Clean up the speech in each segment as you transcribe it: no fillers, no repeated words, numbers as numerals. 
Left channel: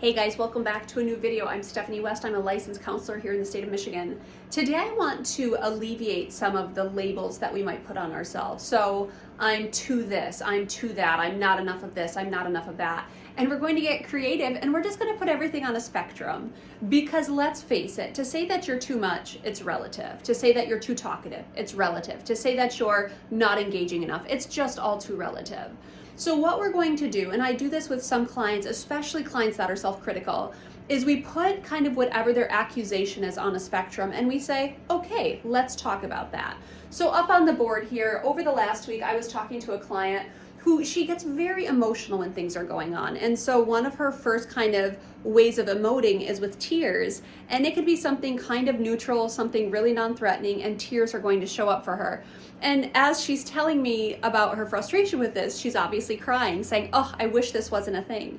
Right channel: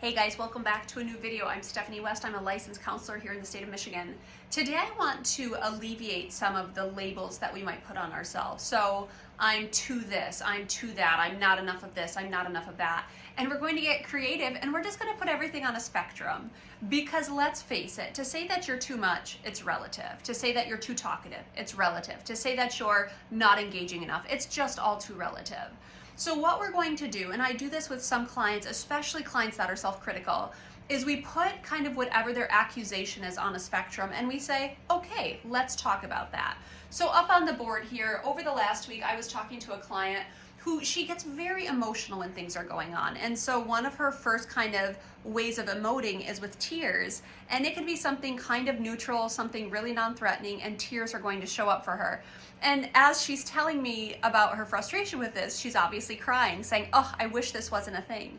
Hey guys, welcome back to a new video. I'm Stephanie West. I'm a licensed counselor here in the state of Michigan. Today I want to alleviate some of the labels that we might put on ourselves. So I'm to this, I'm to that, I'm not enough of this, I'm not enough of that. And we're going to get creative and we're just going to put everything on a spectrum. Because let's face it, to say that you're too much, it's relative. To say that you're too talkative, it's relative. To say that you're not engaging enough, it's just all too relative. So what we're going to do, and I do this with some clients, especially clients that are self-critical, is we put kind of whatever their accusation is on a spectrum and we say, okay, let's talk about that. So up on the board here, over the last week, I was talking to a client who she gets very emotional when things are going on. And so one of her first kind of ways of emoting is with tears. And it could be something kind of neutral, something really non-threatening, and tears are going to show up for her. And as she's telling me about her frustration with this, she's obviously crying, saying, oh, I wish this wasn't a thing.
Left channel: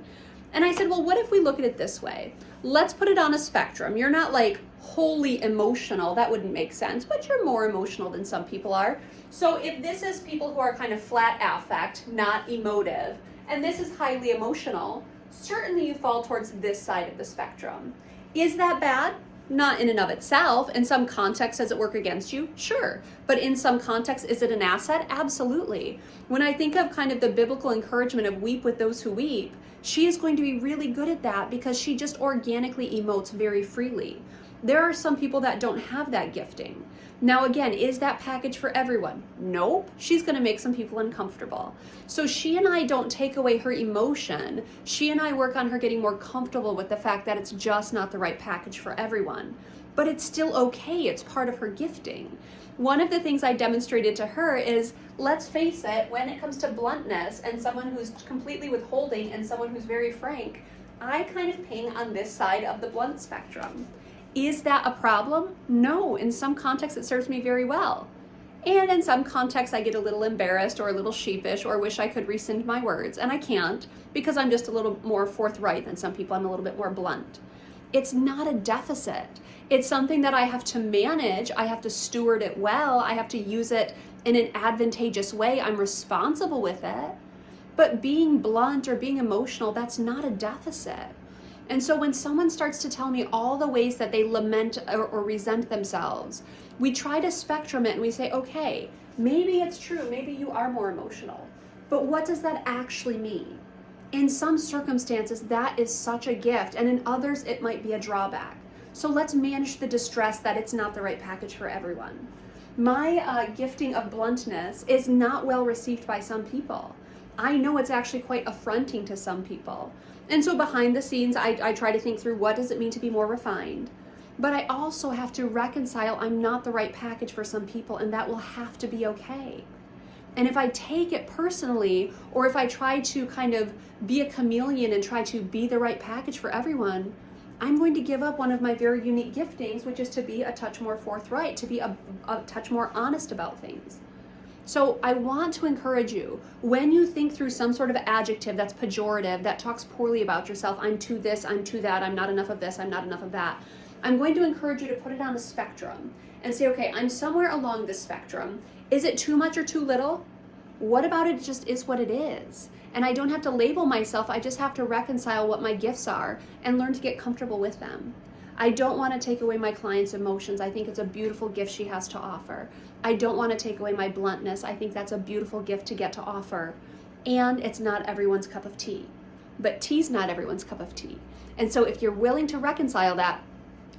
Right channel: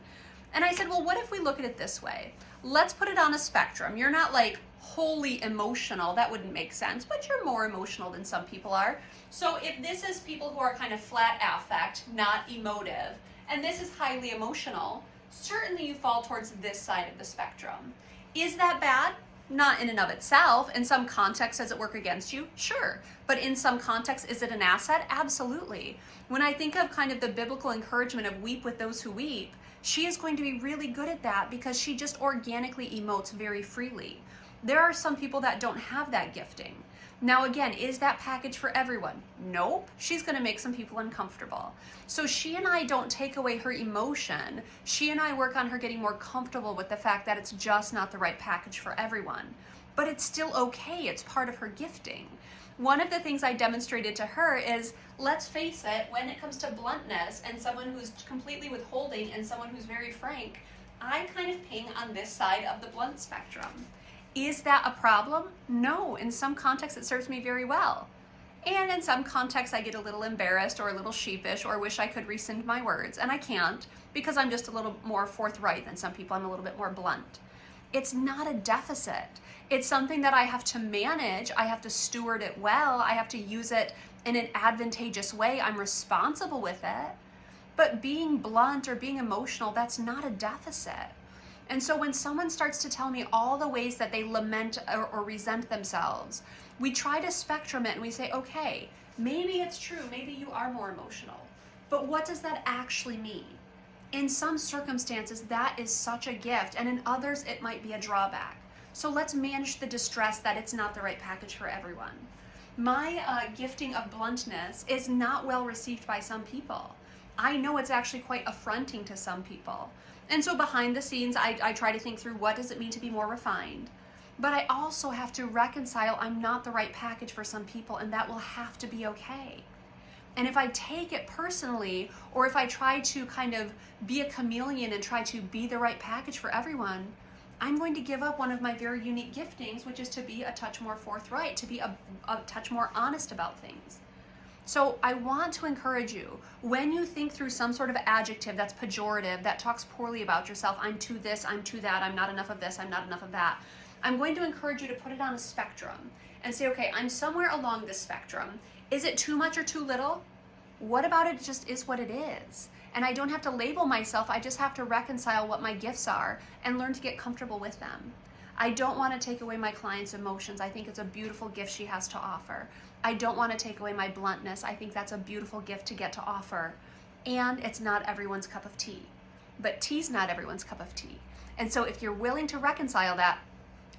And I said, well, what if we look at it this way? Let's put it on a spectrum. You're not like wholly emotional, that wouldn't make sense, but you're more emotional than some people are. So if this is people who are kind of flat affect, not emotive, and this is highly emotional, certainly you fall towards this side of the spectrum. Is that bad? Not in and of itself. In some context, does it work against you? Sure. But in some context, is it an asset? Absolutely. When I think of kind of the biblical encouragement of weep with those who weep, she is going to be really good at that because she just organically emotes very freely. There are some people that don't have that gifting. Now again, is that package for everyone? Nope. She's going to make some people uncomfortable. So she and I don't take away her emotion. She and I work on her getting more comfortable with the fact that it's just not the right package for everyone. But it's still okay. It's part of her gifting. One of the things I demonstrated to her is, let's face it, when it comes to bluntness and someone who's completely withholding and someone who's very frank, I kind of ping on this side of the blunt spectrum. Is that a problem? No. In some contexts, it serves me very well. And in some contexts, I get a little embarrassed or a little sheepish or wish I could rescind my words. And I can't because I'm just a little more forthright than some people. I'm a little bit more blunt. It's not a deficit. It's something that I have to manage. I have to steward it well. I have to use it in an advantageous way. I'm responsible with it. But being blunt or being emotional, that's not a deficit. And so when someone starts to tell me all the ways that they lament or resent themselves, we try to spectrum it and we say, okay, maybe it's true, maybe you are more emotional, but what does that actually mean? In some circumstances, that is such a gift, and in others, it might be a drawback. So let's manage the distress that it's not the right package for everyone. My gifting of bluntness is not well received by some people. I know it's actually quite affronting to some people. And so behind the scenes, I try to think through what does it mean to be more refined. But I also have to reconcile I'm not the right package for some people, and that will have to be okay. And if I take it personally, or if I try to kind of be a chameleon and try to be the right package for everyone, I'm going to give up one of my very unique giftings, which is to be a touch more forthright, to be a touch more honest about things. So I want to encourage you, when you think through some sort of adjective that's pejorative, that talks poorly about yourself, I'm to this, I'm to that, I'm not enough of this, I'm not enough of that, I'm going to encourage you to put it on a spectrum and say, okay, I'm somewhere along this spectrum. Is it too much or too little? What about it just is what it is? And I don't have to label myself, I just have to reconcile what my gifts are and learn to get comfortable with them. I don't want to take away my client's emotions. I think it's a beautiful gift she has to offer. I don't want to take away my bluntness. I think that's a beautiful gift to get to offer. And it's not everyone's cup of tea. But tea's not everyone's cup of tea. And so if you're willing to reconcile that,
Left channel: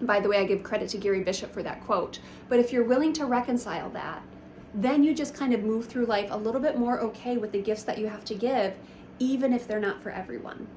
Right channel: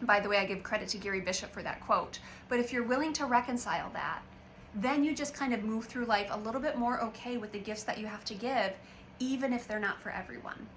by the way, I give credit to Gary Bishop for that quote, but if you're willing to reconcile that, then you just kind of move through life a little bit more okay with the gifts that you have to give, even if they're not for everyone.